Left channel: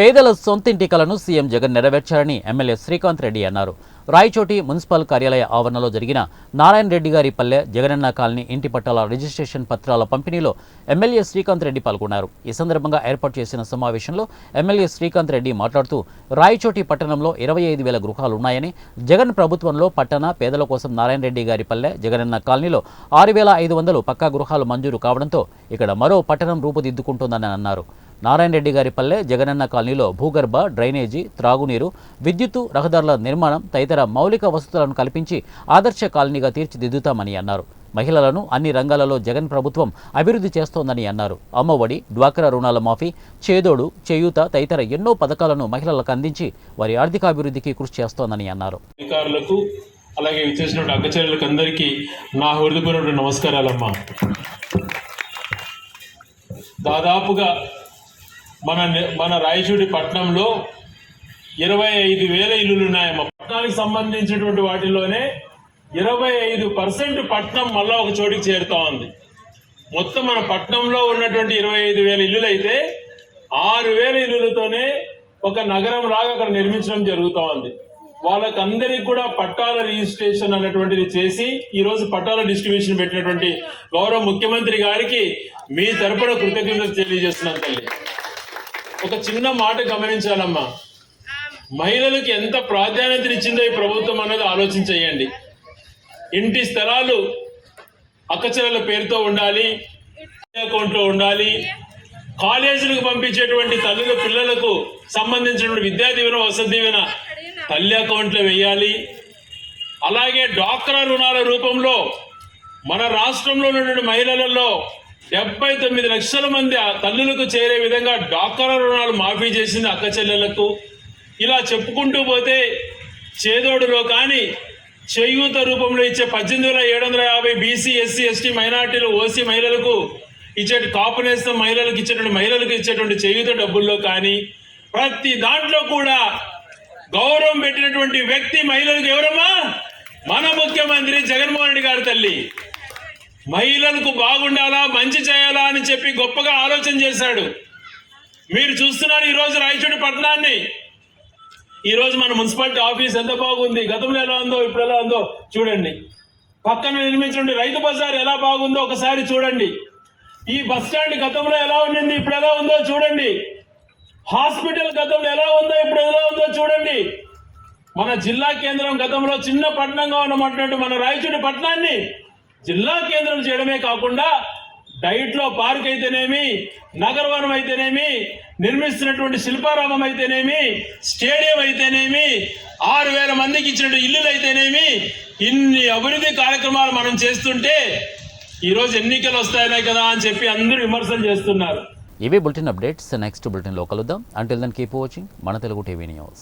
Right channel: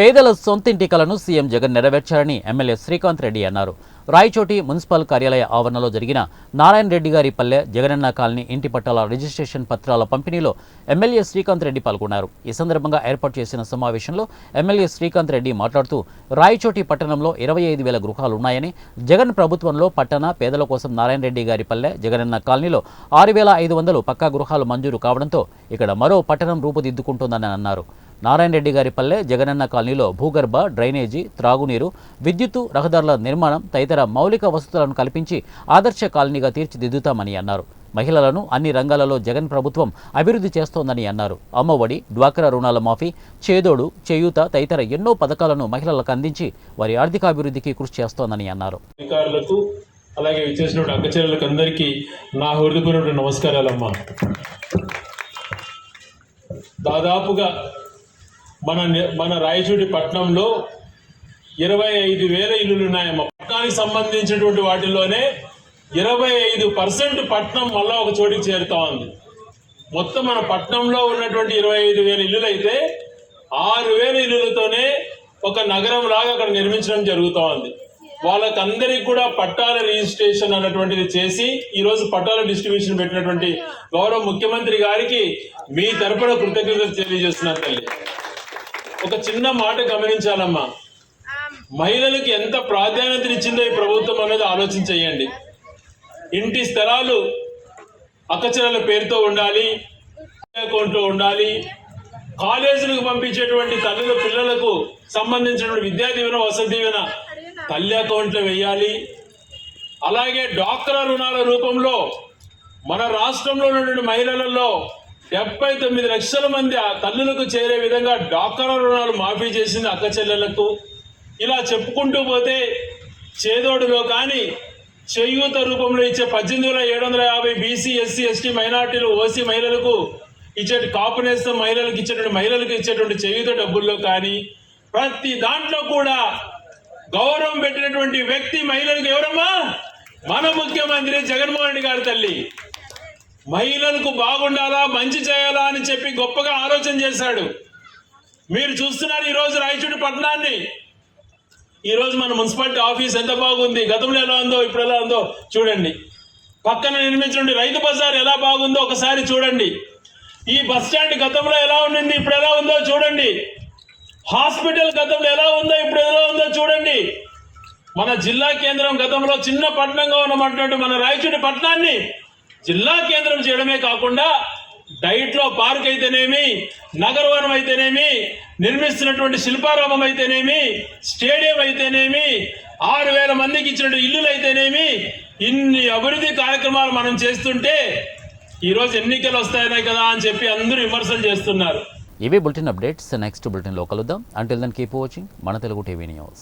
పేదల సొంతింటి కలను సీఎం జగన్ నెరవేర్చారని ఎమ్మెల్యే శ్రీకాంత్ రెడ్డి అన్నారు. రాయచోటి మున్సిపల్ కార్యాలయ ఆవరణలో జరిగిన నారాయణ రెడ్డి గారి పల్లె జగనన్న కాలనీ ఇంటి పట్టాల రిజిస్ట్రేషన్ పత్రాల పంపిణీలో ఎమ్మెల్యే శ్రీకాంత్ రెడ్డి పాల్గొన్నారు. ఈ సందర్భంగా ఏర్పాటు చేసిన సమావేశంలో ఎమ్మెల్యే శ్రీకాంత్ రెడ్డి మాట్లాడుతూ రాయచోటి పట్టణంలో 25,000 గృహాలున్నాయని, జగన్ ప్రభుత్వంలో పట్టణ పేదల కోసం నారాయణ రెడ్డి గారి పల్లె జగనన్న కాలనీలో 6,500 పక్కా గృహాలు మంజూరు కావడంతో ఇక్కడ మరో పట్టణం రూపుదిద్దుకుంటోందని అన్నారు. నారాయణ రెడ్డి గారి పల్లె జగనన్న కాలనీలో భూగర్భ, డ్రైనేజీ, త్రాగునీరు, విద్యుత్తు, రహదారుల నిర్మాణం తదితర మౌలిక వసతులను కల్పించి ఆదర్శ కాలనీగా తీర్చిదిద్దుతామని అన్నారు. మహిళలను అన్ని రంగాలలో జగన్ ప్రభుత్వం అభివృద్ధి చేస్తోందని అన్నారు. అమ్మఒడి, డ్వాక్రా రుణాల మాఫీ, చేదోడు, చేయూత తదితర ఎన్నో పథకాలను మహిళలకు అందించి వారి ఆర్థికాభివృద్ధికి కృషి చేస్తోందని అన్నారు. అలాగే విచ్చేసినటువంటి అక్కచెల్లెలకు అందరికీ నా హృదయపూర్వక నమస్కారాలమ్మా. దాదాపుగా మన రాయచోటి పట్టణంలో 25,000 ఇల్లులు ఉన్నాయమ్మా. పట్టణానికి సంబంధించినటువంటి వాటిల్లోనే 25% పట్టణం మళ్ళా ఒక చోటికి చేరుతా ఉంది. మొత్తం మన పట్టణంలో ఉన్నటువంటి 25,000 ఇల్లులు అయితే 6,000 ఇల్లులతోనే ఒక నగరం లాగా అక్కడ నిర్మించడం జరుగుతూ ఉంది. వాళ్ళకందరికి కూడా పట్టాల రిజిస్ట్రేషన్ అన్నటువంటిది చేసి ఈరోజు పట్టాల డిస్ట్రిబ్యూషన్ పెట్టినటువంటి గౌరవ ముఖ్యమంత్రి గారికి మీ తరపున కృతజ్ఞతలు తెలియజేస్తున్నాను తల్లి. ఒక చిన్న మాట గమనించాలమ్మా, మహిళలకు ఎంత ప్రాధాన్యతనిచ్చిందో ఈ ప్రభుత్వం అనేది ఆలోచించేయండి. ఇంటి స్థలాలు అక్కచెల్లెల పేరుతో ఉండాలి, అకౌంట్లో ఉండాలి. కాలేజీలకు పంపించేటువంటి తల్లుల పిల్లలకు సంబంధించినటువంటి విద్యా దీవెన, వసతి దీవెన తల్లి అకౌంట్లో వేయాలి. అలాగే డ్వాక్రా రుణాల రూపంలో మన రాష్ట్రంలో ఉన్నటువంటి మహిళలలో 79 లక్షల మంది తల్లులకు చేరే విధంగా డ్వాక్రా రుణాలు మాఫీ చేసింది అక్క చెల్లెళ్లకు. ఇలా చెప్పుకుంటూ పోతే చేదోడులో కానీ చేయూత రూపంలో ఇచ్చే 18,750 బీసీ, ఎస్సీ, ఎస్టీ మైనార్టీలు, ఓసీ మహిళలకు ఇచ్చే కాపు నేస్తం మహిళలకు ఇచ్చేటువంటి చేయూత డబ్బుల్లో కానీ ప్రతి దాంట్లో కూడా గౌరవం పెట్టినటువంటి వ్యక్తి మహిళలకు ఎవరమ్మా? మన ముఖ్యమంత్రి జగన్మోహన్ రెడ్డి గారి తల్లి. మహిళలకు బాగుండాలా, మంచి చేయాలా అని చెప్పి గొప్పగా ఆలోచన చేశాడు. మీరు చూస్తున్నారు ఈరోజు రాయచోటి పట్టణాన్ని. ఈరోజు మన మున్సిపాలిటీ ఆఫీస్ ఎంత బాగుంది, గతంలో ఎలా ఉందో ఇప్పుడు ఎలా ఉందో చూడండి. పక్కన నిర్మించండి రైతు బజార్ ఎలా బాగుందో ఒకసారి చూడండి. ఈ బస్ స్టాండ్ గతంలో ఎలా ఉండింది, ఇప్పుడు ఎలా ఉందో చూడండి. హాస్పిటల్ గతంలో ఎలా ఉందో ఇప్పుడు ఎలా ఉందో చూడండి. మన జిల్లా కేంద్రం గతంలో చిన్న పట్టణంగా ఉన్నటువంటి మన రాయచోటి పట్టణాన్ని జిల్లా కేంద్రం చేయడమే కాకుండా డైట్లో పార్క్ అయితేనేమి, నగరవనం అయితేనేమి, నిర్మిస్తున్నటువంటి శిల్పారామం అయితేనేమి, స్టేడియం అయితేనేమి, 6,000 మందికి ఇచ్చిన ఇల్లులు అయితేనేమి, ఇన్ని అభివృద్ధి కార్యక్రమాలు మనం చేస్తుంటే ఈరోజు ఎన్నికలు వస్తాయనే కదా అని చెప్పి అందరూ విమర్శలు చేస్తున్నారు. ఇవే బులెటిన్ అప్డేట్స్. నెక్స్ట్ బులెటిన్లో కలుద్దాం. అంటిల్ దెన్ కీప్ వాచింగ్ మన తెలుగు టీవీ న్యూస్.